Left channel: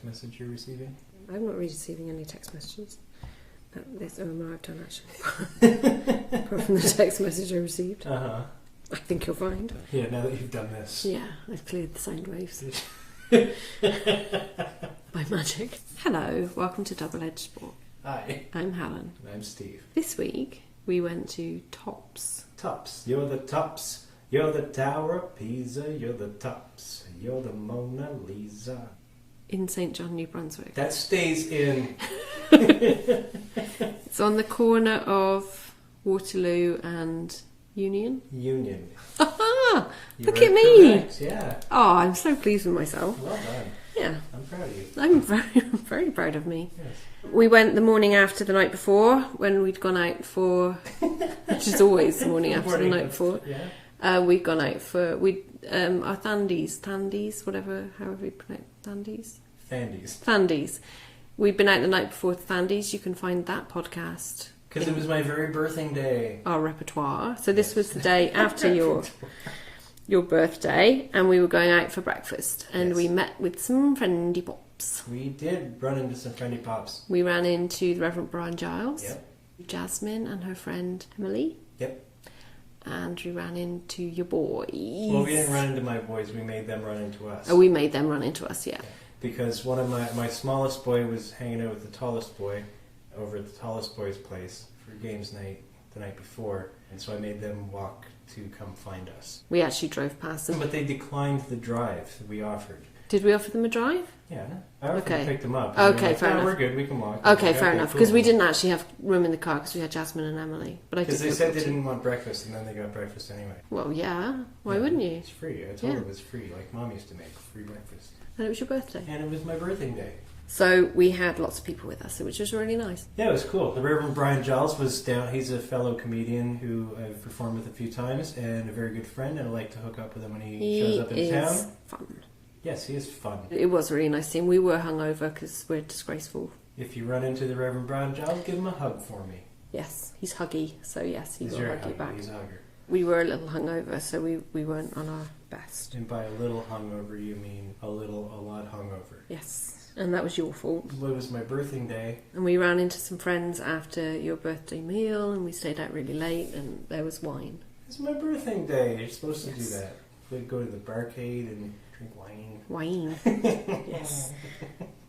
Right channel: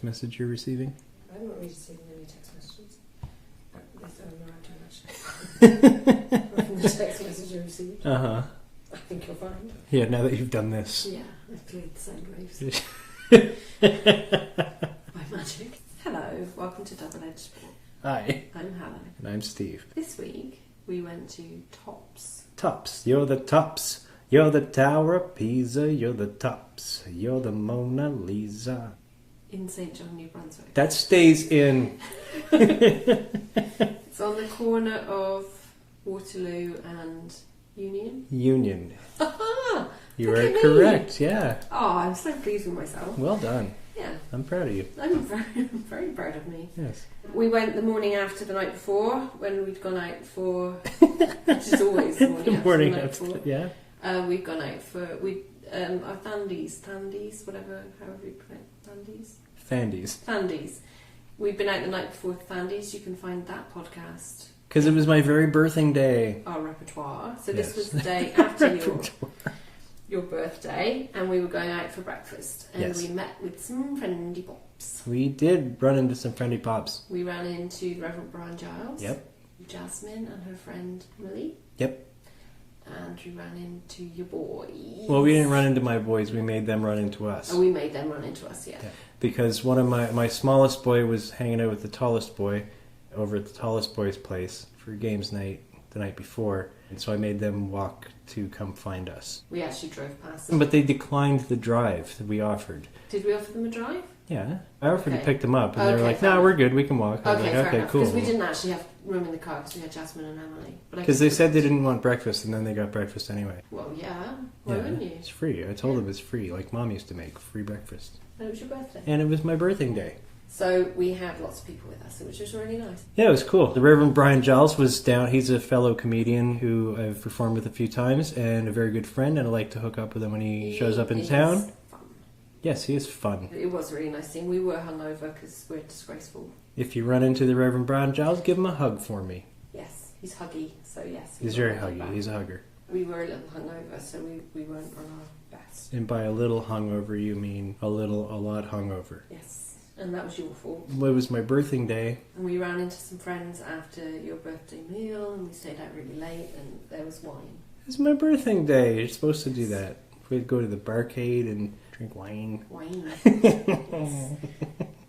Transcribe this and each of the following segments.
text message you're receiving? I'm not receiving any text messages. Yes, no, I've done actually. Apart from the text message I received. Uh-huh. I think you'll find. Yeah, now that you've done this. Yeah, I've cleared the sound waves. By magic. Hello, welcome to Double-Edged Spork. Hi. I'm Helen. And I'm Steve. This week, we went to Tops. Tops. You're the tops. You're the Tower of Pisa. You're the tops. You're the Mona Lisa. In St. John, New Brunswick. That stays in. It's on the corner of Waterloo and Union. Union. Aha! You Look are at me! correct, yeah. Oh, I'm so pleased with myself. Well done. Yeah. I'm proud of you. I'm very proud of me. Yes. We went the morning after the night before when we'd gone out for, which is always the morning after the night before. Yeah. We'd gone out for our Thandies, whatever, however you pronounce Thandies. Thandies. We'd been out the night before with Thandies. You can find that podcast. Because it was my very birthing day. Our repertoire. So this was the day after your birthday, and we were going out for breakfast, and we met with some friendly pops. We did run into some friendly pops. We ran into the Reverend Brian Giles. Yep. Jasmine and her friend Emily. Yep. And we ran into your boys. Well, we didn't run into my boys. We made them run into us. Oh, we made them run into us, yeah. Because one of my smallest boy was hanging out with the tallest boy over at the tallest boy's place for games night the night before. And so I made them walk to come find us. We actually drove past them. But they declined the drive that we offered. Did we offer them a drive? Yeah. I offered to pick them up. And Okay, they were like, fair enough. we're good. We can walk. Okay, fair enough. Because cool. we didn't actually have room in the car because we had Jasmine and Emily. Because they said they didn't want breakfast, and then they got breakfast anyway. Well, yeah. Why wouldn't you? It's free. I told them it's free, like Mom used to make free breakfast. And it was your birthday. And it was my birthing day. So we had lots of people with us, which was really nice. Yeah, it was cool. The Reverend Brian Giles was down. He's a fellow comedian who I've performed with a few times and a very good friend, and I like to hook up with him when he shows up in town. Fun. Yes, he is fun. It was a really nice scene. We were hungover because we're disgraceful. If you run into the Reverend Brian Giles, give him a hug for me. Yes, he's huggy, so yes. He's very huggy. He's a hugger. We were a little hungover, so we weren't on our best. And by a little hungover, you mean a lot hungover. Yes. And that was your fault. Well, it was my birthing day. And we ran into some friends after your birthday meal, and we stayed out really late, and there was wine. It's my birthing day. You're supposed to do that. We'd go to the barcade and drink wine. Wine. Yes.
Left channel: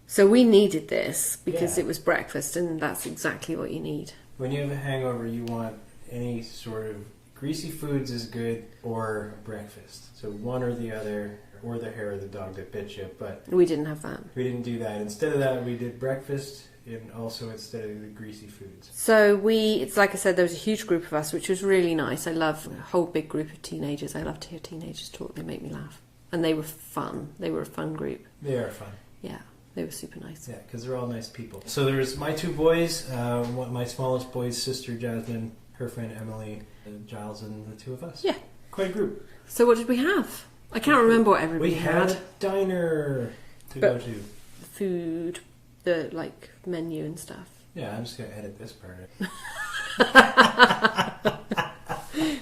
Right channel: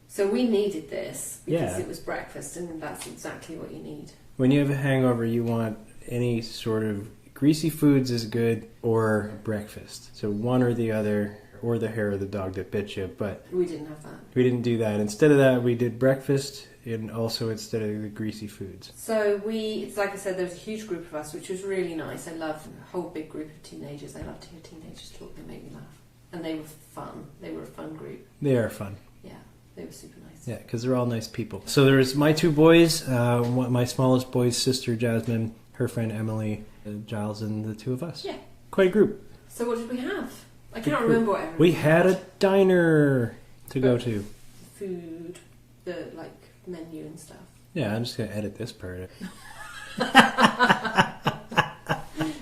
So we needed this because it was breakfast, and that's exactly what you need. When you have a hangover, you want any sort of greasy foods is good, or breakfast. So one or the other. Or the hair of the dog that bit you, but we didn't have that. We didn't do that. Instead of that, we did breakfast, and also instead of the greasy foods. So it's like I said, there was a huge group of us, which was really nice. I love a whole big group of teenagers. I love to hear teenagers talk. They make me laugh. And they were fun. They were a fun group. They are fun. Yeah, they were super nice. Yeah, because they're all nice people. So there's my two boys, my smallest boy's sister, Jasmine, her friend, Emily, Giles, and the two of us. Yeah. Quite a group. So what did we have? I can't remember what everybody had. We had a diner to go to. Food, the menu and stuff. Yeah, I'm just going to edit this part.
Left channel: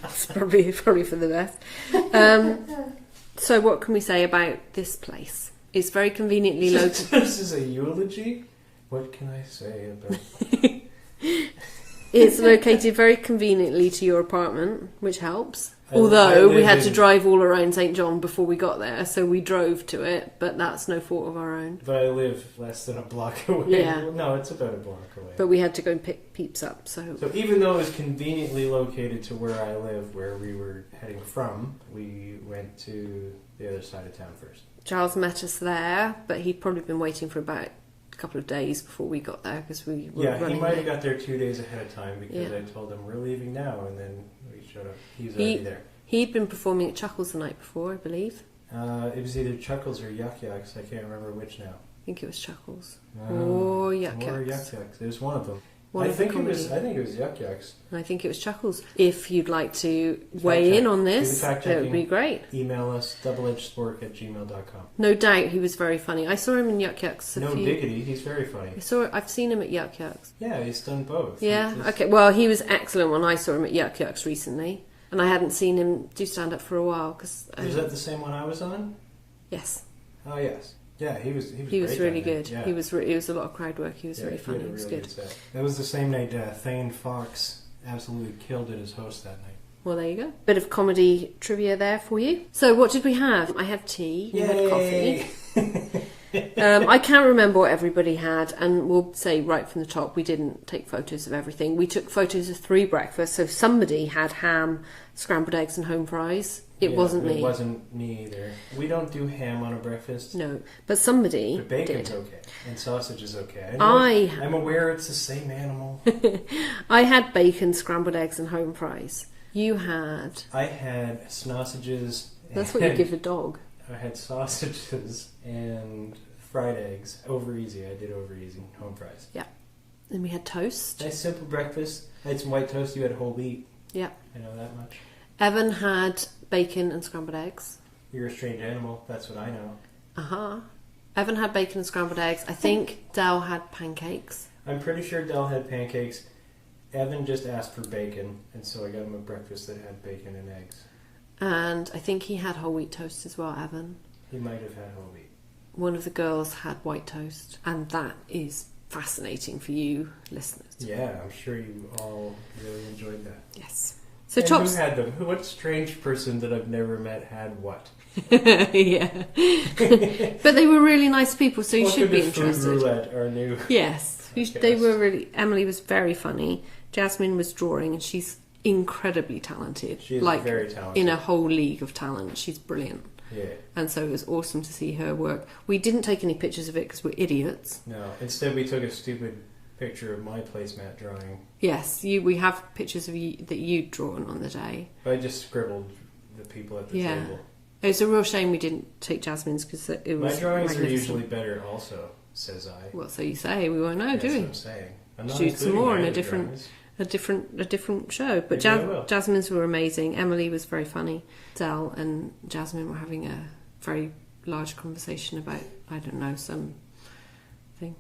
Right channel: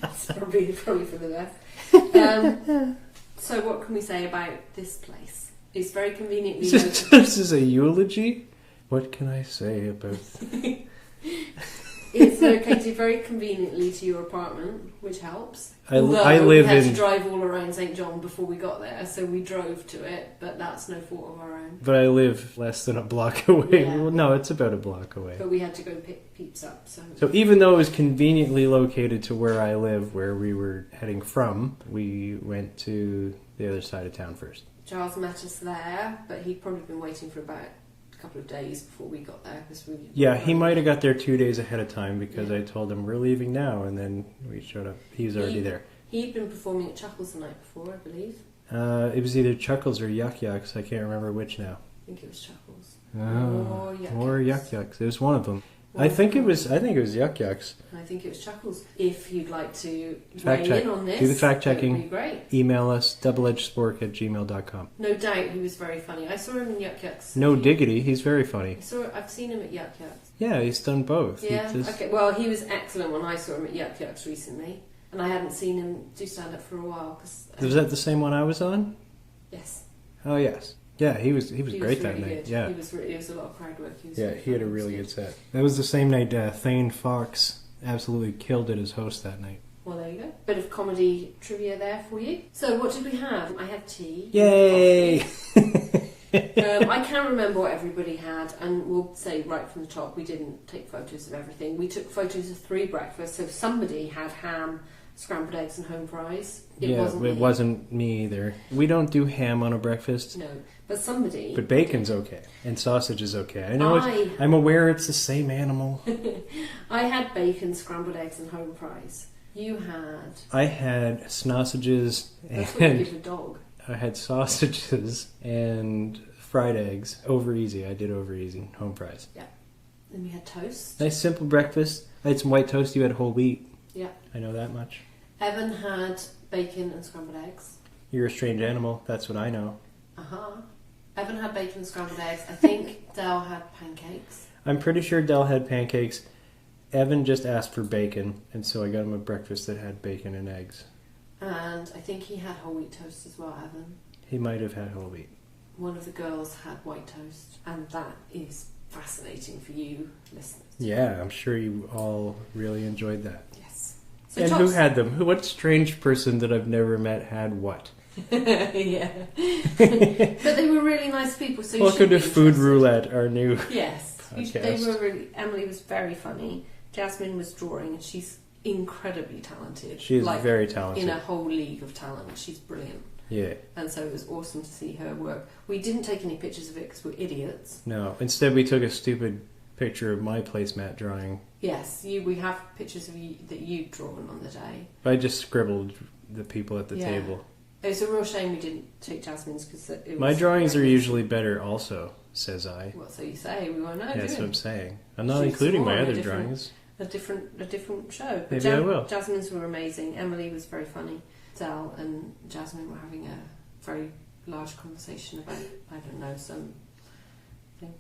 It's probably for the best. So what can we say about this place? It's very conveniently located. This is a eulogy? What can I say about... It's located very conveniently to your apartment, which helps. Although we had to drive all around St. John before we got there, so we drove to it, but that's no fault of our own. But I live less than a block away. Yeah. Well, no, it's about a block away. But we had to go and pick Peeps up, so even though it was conveniently located to where I live, where we were heading from, we went to the other side of town first. Giles met us there, but he'd probably been waiting for about couple of days before we got there because we he might have got there 2 days ahead of time because I told him we're leaving now, and then we showed up. He was already there. He'd been performing at Chuckles the night before, I believe. It was either Chuckles or Yuck Yucks. I can't remember which now. I think it was Chuckles or Yuck Yucks. It was one of them. I think it was Yuck Yucks. I think it was Chuckles. If you'd like to weigh in on this, do the fact checking. That would be great. Email us doubleedgedspork@gmail.com. No doubt he was very funny. I saw him in Yuck Yucks. No diggity, he's very funny. I've seen him at Yuck Yucks. Yeah, he's done both. Yeah. Okay. Well, he was excellent when I saw him at Yuck Yucks recently, and I hadn't seen him do stand up for a while. Was that the same one I was on? Yes. Oh yes. Yeah, he was great. He was really that good. night. Yeah, It was a lot of crowd work. He was really he funny. had a really good set. That was the same night Thane Fox absolutely killed it as host that night. Well, there you go. Bit of comedy trivia there for you. So, what did we have? I had tea. Yay! I can't remember what everybody had, and we'll say right from the top, we didn't take photos of everything. We took photos of 3 breakfasts, so somebody had ham, scrambled eggs and home fries. It wasn't me. It wasn't me either. We don't do ham on a breakfast. No, but somebody But bacon's did. okay, and sausage is okay. I'm aware it's the same animal. I had bacon, scrambled eggs and home fries. You had... I had sausages. That's what you give a dog. I had sausages and fried eggs. Over easy. I did over easy. Home fries. Yeah. And we had toast. Nice simple breakfast. I had some white toast. You had whole wheat. Yeah. I know that much. Evan had bacon and scrambled eggs. You're a strange animal. That's what I know. Uh-huh. Evan had bacon and scrambled eggs. I think Dal had pancakes. I'm pretty sure Del had pancakes. Evan just asked for bacon, and so I got him a breakfast that had bacon and eggs. And I think he had whole wheat toast as well, Evan. He might have had whole wheat. One of the girls had white toast. And that is fascinating for you listeners. Yeah, I'm sure you all really enjoyed that. Yes. So and who had them? What strange person that I've never met had what? Yeah. But they were really nice people, so you should be interested. Welcome to Food Roulette, our new... Yes. They were really... Emily was very funny. Jasmine was drawing, and she's incredibly talented. She's very talented. In a whole league of talent. She's brilliant. Yeah. And so it was awesome to see her work. We didn't take any pictures of it because we're idiots. No. Instead, we took a stupid picture of my placemat drawing. Yes, we have pictures of you that you'd drawn on the day. I just scribbled the people at the table. It's a real shame we didn't take Jasmine's because it was... My drawings are usually better also, says I. Well, so you say. We won't know, do we? That's what I'm saying. I'm not Shoot including my other different, drawings. A different show. But Jasmine's were amazing. Emily was very funny. Del and Jasmine were having a very large conversation about, I don't know, some thing.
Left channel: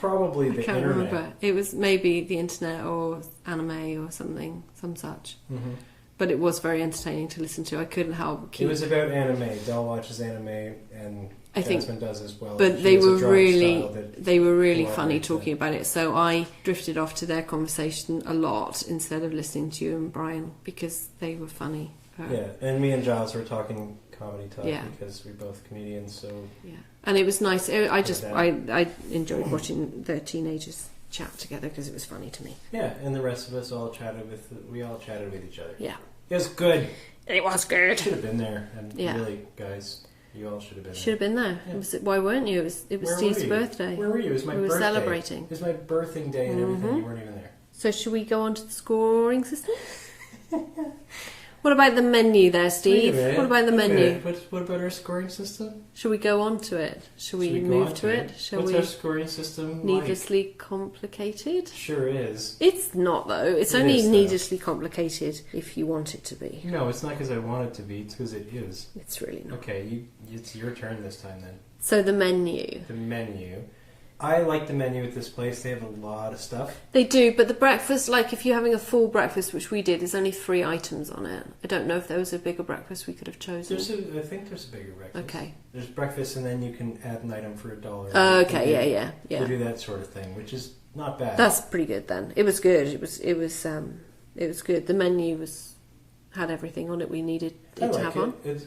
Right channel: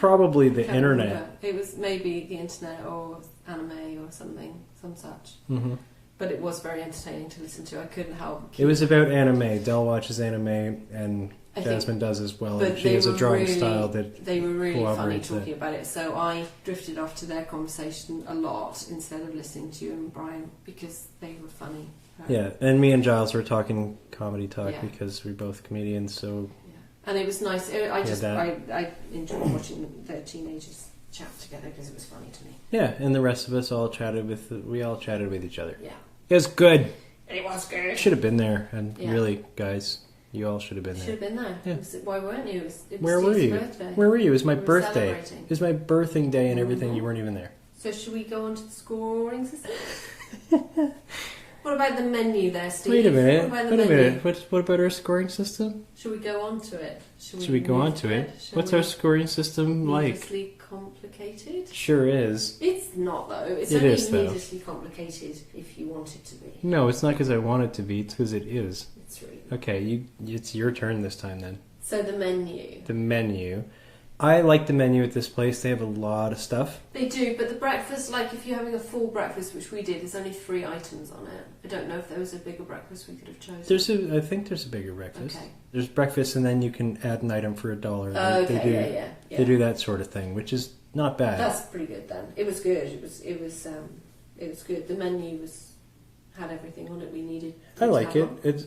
Probably the internet. Remember. It was maybe the internet or anime or something, some such. Mm-hmm. But it was very entertaining to listen to. I couldn't help. It was about anime. Del watches anime, and Jasmine does as well. But they were really funny talking about it. So I drifted off to their conversation a lot instead of listening to you and Brian because they were funny. Yeah, and me and Giles were talking comedy talk because we're both comedians. So yeah, and it was nice. I enjoyed watching the teenagers chat together because it was funny to me. Yeah, and the rest of us all chatted with each other. Yeah, it was good. It was good. Should have been there, and really, guys. You all should have been there. Should have been there. Yeah. Why weren't you? It was Steve's birthday. Where were you? It was my birthday. Celebrating. It was my birthing day and everything. You weren't even there. So should we go on to the scoring system? What about the menu there, Steve? Wait a minute. What about the menu? What about our scoring system? Should we go on to it? Should we go on to it? What's our scoring system like? Needlessly complicated? Sure is. It's not, though. It's only needlessly complicated if you want it to be. No, it's not because I want it to be. It's because it is. It's really not. Okay, it's your turn this time then. So the menu. The menu. I like the menu at this place. They have a lot of stuff. They do, but the breakfast, like if you're having a full breakfast, which we did, there's only 3 items on it. I don't know if there was a bigger breakfast we could have chosen. I think there's a bigger breakfast. Okay. There's breakfast and then you can add an item for $1. Okay, yeah. They do that sort of thing, which is not bad. That's pretty good then. It was good. It was good. The menu had everything on it we needed. I like it. It's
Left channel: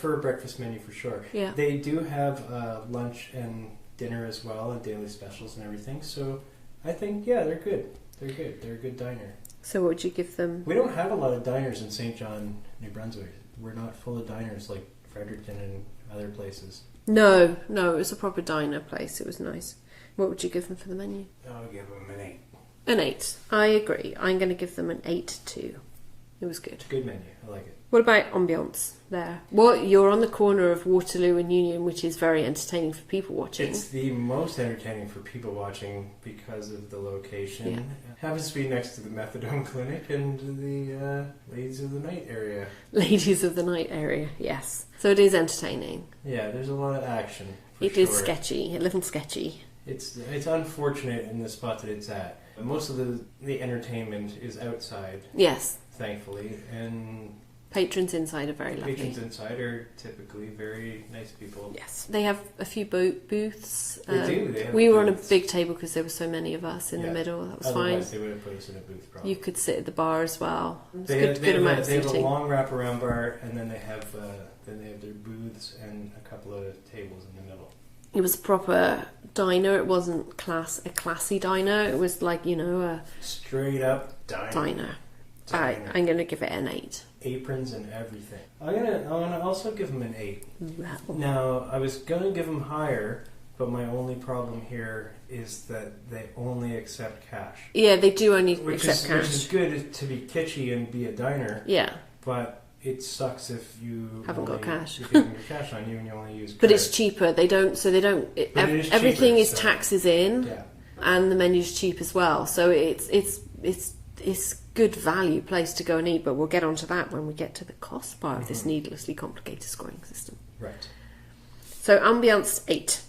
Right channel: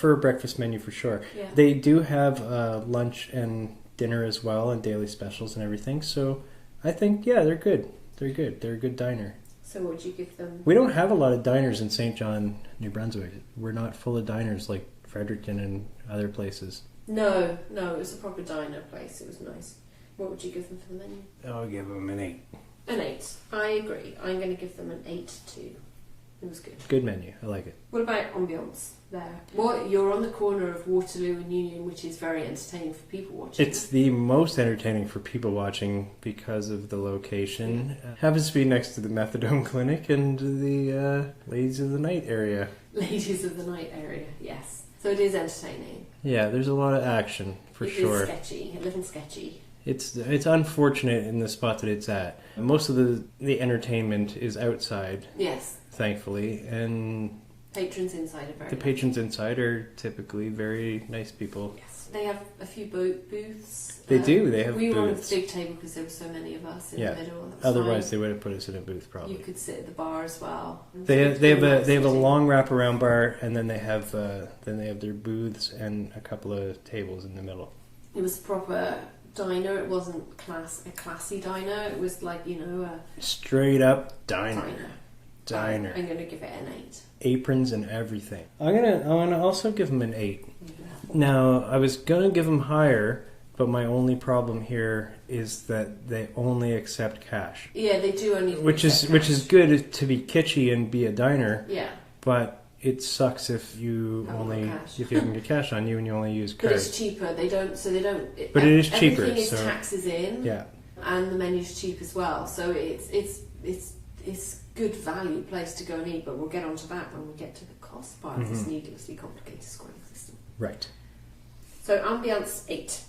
for a breakfast menu for sure. Yeah. They do have lunch and dinner as well and daily specials and everything, so I think they're good. They're a good diner. So what would you give them? We don't have a lot of diners in St. John, New Brunswick. We're not full of diners like Fredericton and other places. No, it was a proper diner place. It was nice. What would you give them for the menu? I'll give them an 8. An 8. I agree. I'm going to give them an 8 too. It was good. Good menu. I like it. What about ambience there? Well, you're on the corner of Waterloo and Union, which is very entertaining for people watching. It's the most entertaining for people watching because of the location. Yeah. Happens to be next to the methadone clinic and the Ladies of the Night area. Ladies of the Night area, yes. So it is entertaining. Yeah, there's a lot of action for sure. It is sketchy, a little sketchy. It's unfortunate in the spot that it's at. Most of the entertainment is outside. Yes. Thankfully, and Patrons inside are very The lovely. patrons inside are typically very nice people. Yes, they have a few booths. They do. They have. We were on a booths. big table because there were so many of us in the middle. That was Otherwise, fine. they would have put us in a booth. Probably. You could sit at the bar as well. They have a long wraparound bar, and then they have their booths and a couple of tables in the middle. It was a proper diner. It wasn't a classy diner. It was like, a Straight up diner. I'm going to give it an 8. Aprons and everything. I want to also give them an 8. Now, I was going to give them higher, but my only problem here is that they only accept cash. Yeah, they do only which accept cash. Which is good to be kitschy and be a diner. Yeah. But it sucks if you haven't got cash. If you haven't got cash on you and you only use credit. But it's cheaper. But it is cheaper. Everything is taxes in. Yeah. And the menu's cheap as well. So it's good value place to go and eat, but we'll get onto that when we get to the cost part of this needlessly complicated scoring system. Right. So ambiance 8.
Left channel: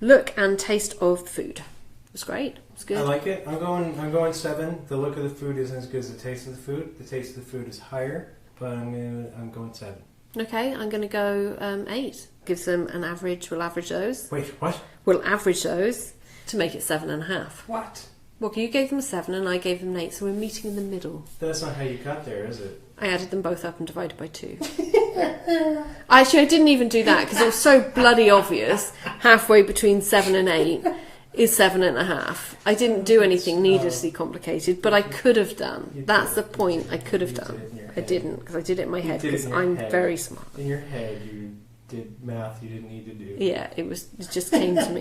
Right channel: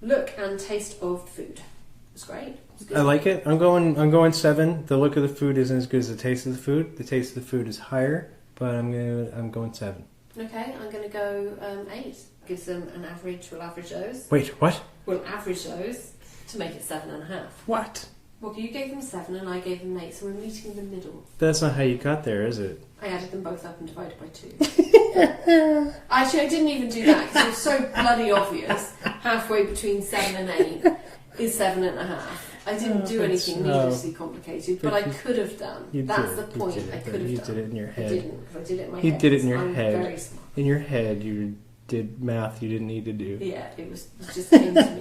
Look and taste of the food. It was great. It was good. I like it. I'm going 7. The look of the food isn't as good as the taste of the food. The taste of the food is higher, but I'm going 7. Okay, I'm going to go 8. Gives them an average. We'll average those. Wait, what? We'll average those to make it 7.5. What? Well, you gave them 7 and I gave them 8, so we're meeting in the middle. That's not how you got there, is it? I added them both up and divided by 2. Actually, I didn't even do that because it was so bloody obvious. Halfway between 7 and 8 is 7.5. I didn't do anything needlessly complicated, but I could have done. That's the point. I could have done. Did it in your head. I didn't because I did it in my You head. did it in your I'm head. very smart. In your head, you did math you didn't need to do. Yeah, it just came to me.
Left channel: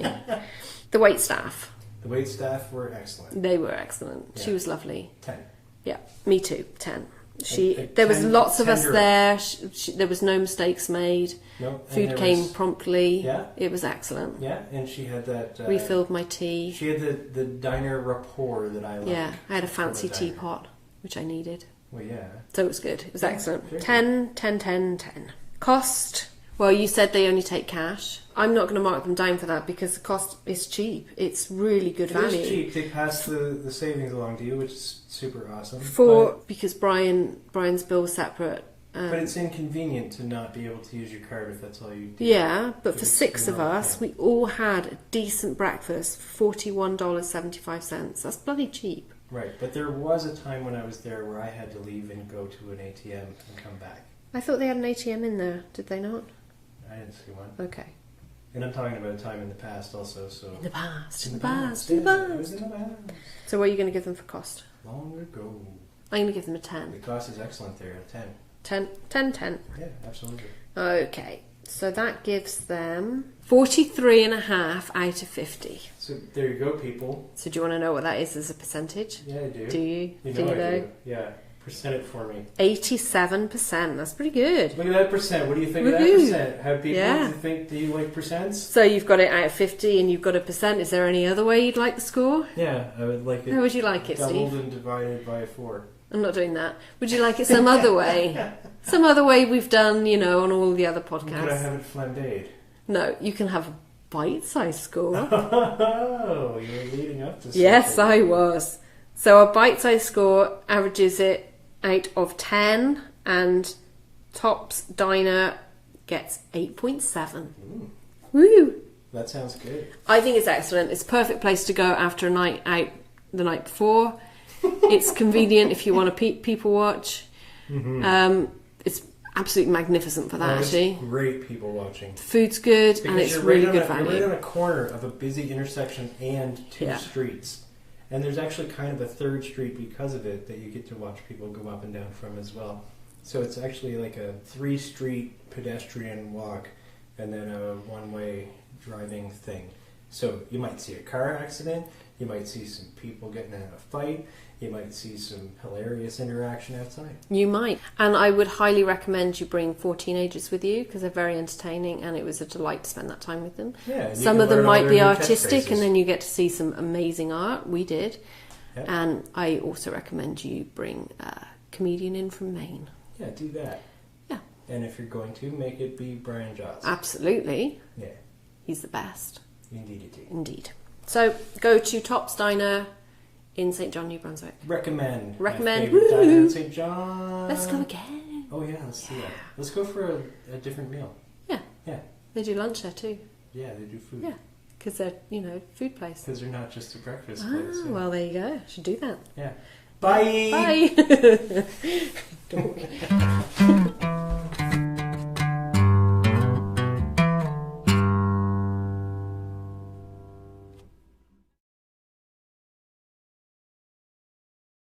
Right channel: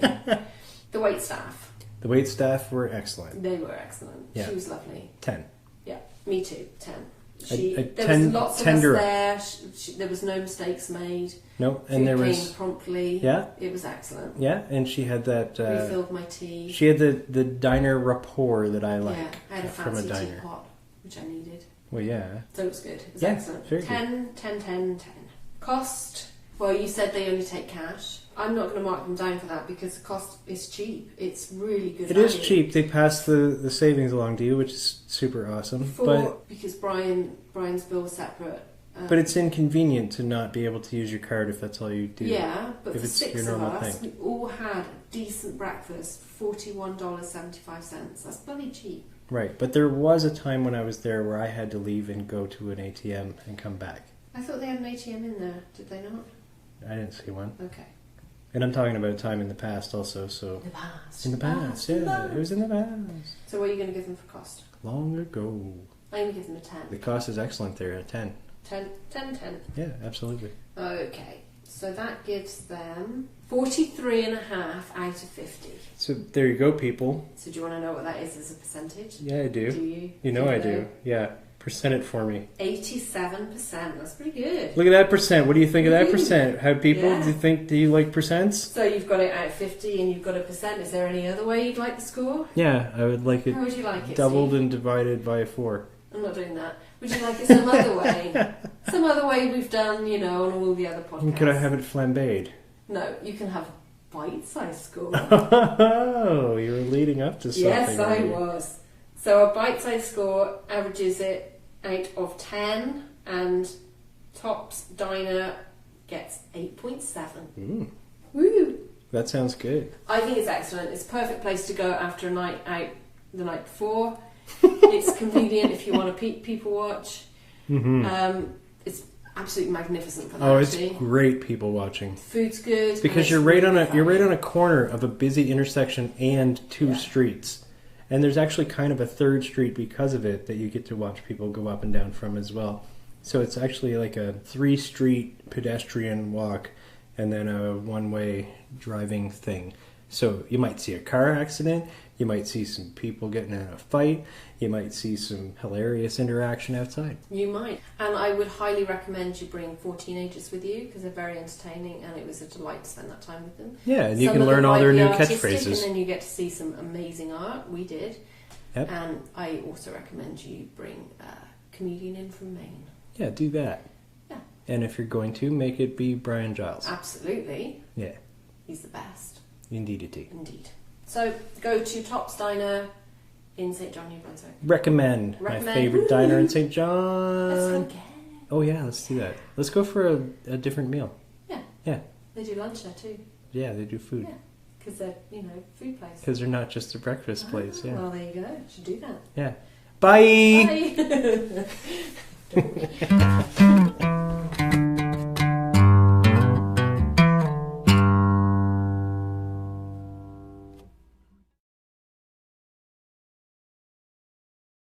The wait staff. The wait staff were excellent. They were excellent. Yeah. She was lovely. 10. Yeah, me too. 10. There was lots of us there. There was no mistakes made. Nope. Food came promptly. Yeah. It was excellent. Yeah, and she had that... refilled my tea. She had the diner rapport that I like. Yeah, I had a fancy teapot, which I needed. Well, yeah. So it was good. It was Yeah, excellent. very 10, 10, 10, 10. Cost. Well, you said they only take cash. I'm not going to mark them down for that because the cost is cheap. It's really good value. It is cheap. They pass the savings along to you, which is super awesome. Because Brian's bill was separate. But it's inconvenient to not be able to use your card if that's all you do. Yeah, but if for it's 6 your of normal us, thing. we all had a decent breakfast for $41.75. That's bloody cheap. Right, but there was a time when I was there where I had to leave and go to an ATM and come back. I thought they had an ATM in there. Did they not? I didn't see one. Okay. And I'm talking about a time in the past also, so... In the past. In the past, yeah. It was in the past. So what are you going to give them for cost? Long ago. I'm going to give them a 10. The cost is excellent there, a 10. 10, 10, 10. Yeah, absolutely. Okay. So that gives them 43.5 out of 50. So there you go, people. So do you want to know what that is as a percentage? Yeah, I do. Do you? You know I do. Yeah. Percent it for me. 87%. That's pretty good. Look at that percent. What do you think of that percent? How people Yeah. do you like percents? So you've got it out of 50 and you've got a percent. Is there any other way you'd like the score? Yeah, I would like it. How would you like it, doubled Steve? and divided by 4. I'm not doing that. Would you like it some other way? Some other way we've done, on all the other podcasts. Could I have it flambéed? No, you can have a bite-sized score. Oh, you were leading up to something. Yes, I was. So a bite-sized score averages it out of 10 and Tops Diner gets 8.7. Woo! That sounds good. I think it's excellent. It's a perfect place to go after a night out the night before. It's convenient if you want to people watch. It's absolutely magnificent for that. Actually, it's great people watching. The food's good because you're right on a corner of a busy intersection and 2 streets. And there's actually kind of a 3rd street because of it that you get to watch people go up and down from as well. So it's actually like a 3-street pedestrian walk and then a 1-way driving thing. So you might see a car accident, you might see some people getting in a fight, you might see some hilarious interaction outside. You might. And I would highly recommend you bring 4 teenagers with you because they're very entertaining and it was a delight to spend that time with them. Yeah, and some of them might be artistic and then you get to see some amazing art. We did. Yep. And I also recommend you bring a comedian in from Maine. Yeah, do that. Yeah. And if you're going to, make it be Brian Giles. Absolutely. Yeah. He's the best. Indeed. Indeed. So go to Tops Diner in St. John, New Brunswick. Recommend. My Recommend. favorite diner in St. John. Let's go again. Oh yeah, let's do that. Let's go for a different meal. Yeah. Yeah. They do lunch there too. Yeah, they do food. Yeah. Because they're, food place. Because they're not just a breakfast place. Yeah. Well, there you go. Should do that. Yeah. Bye! Bye!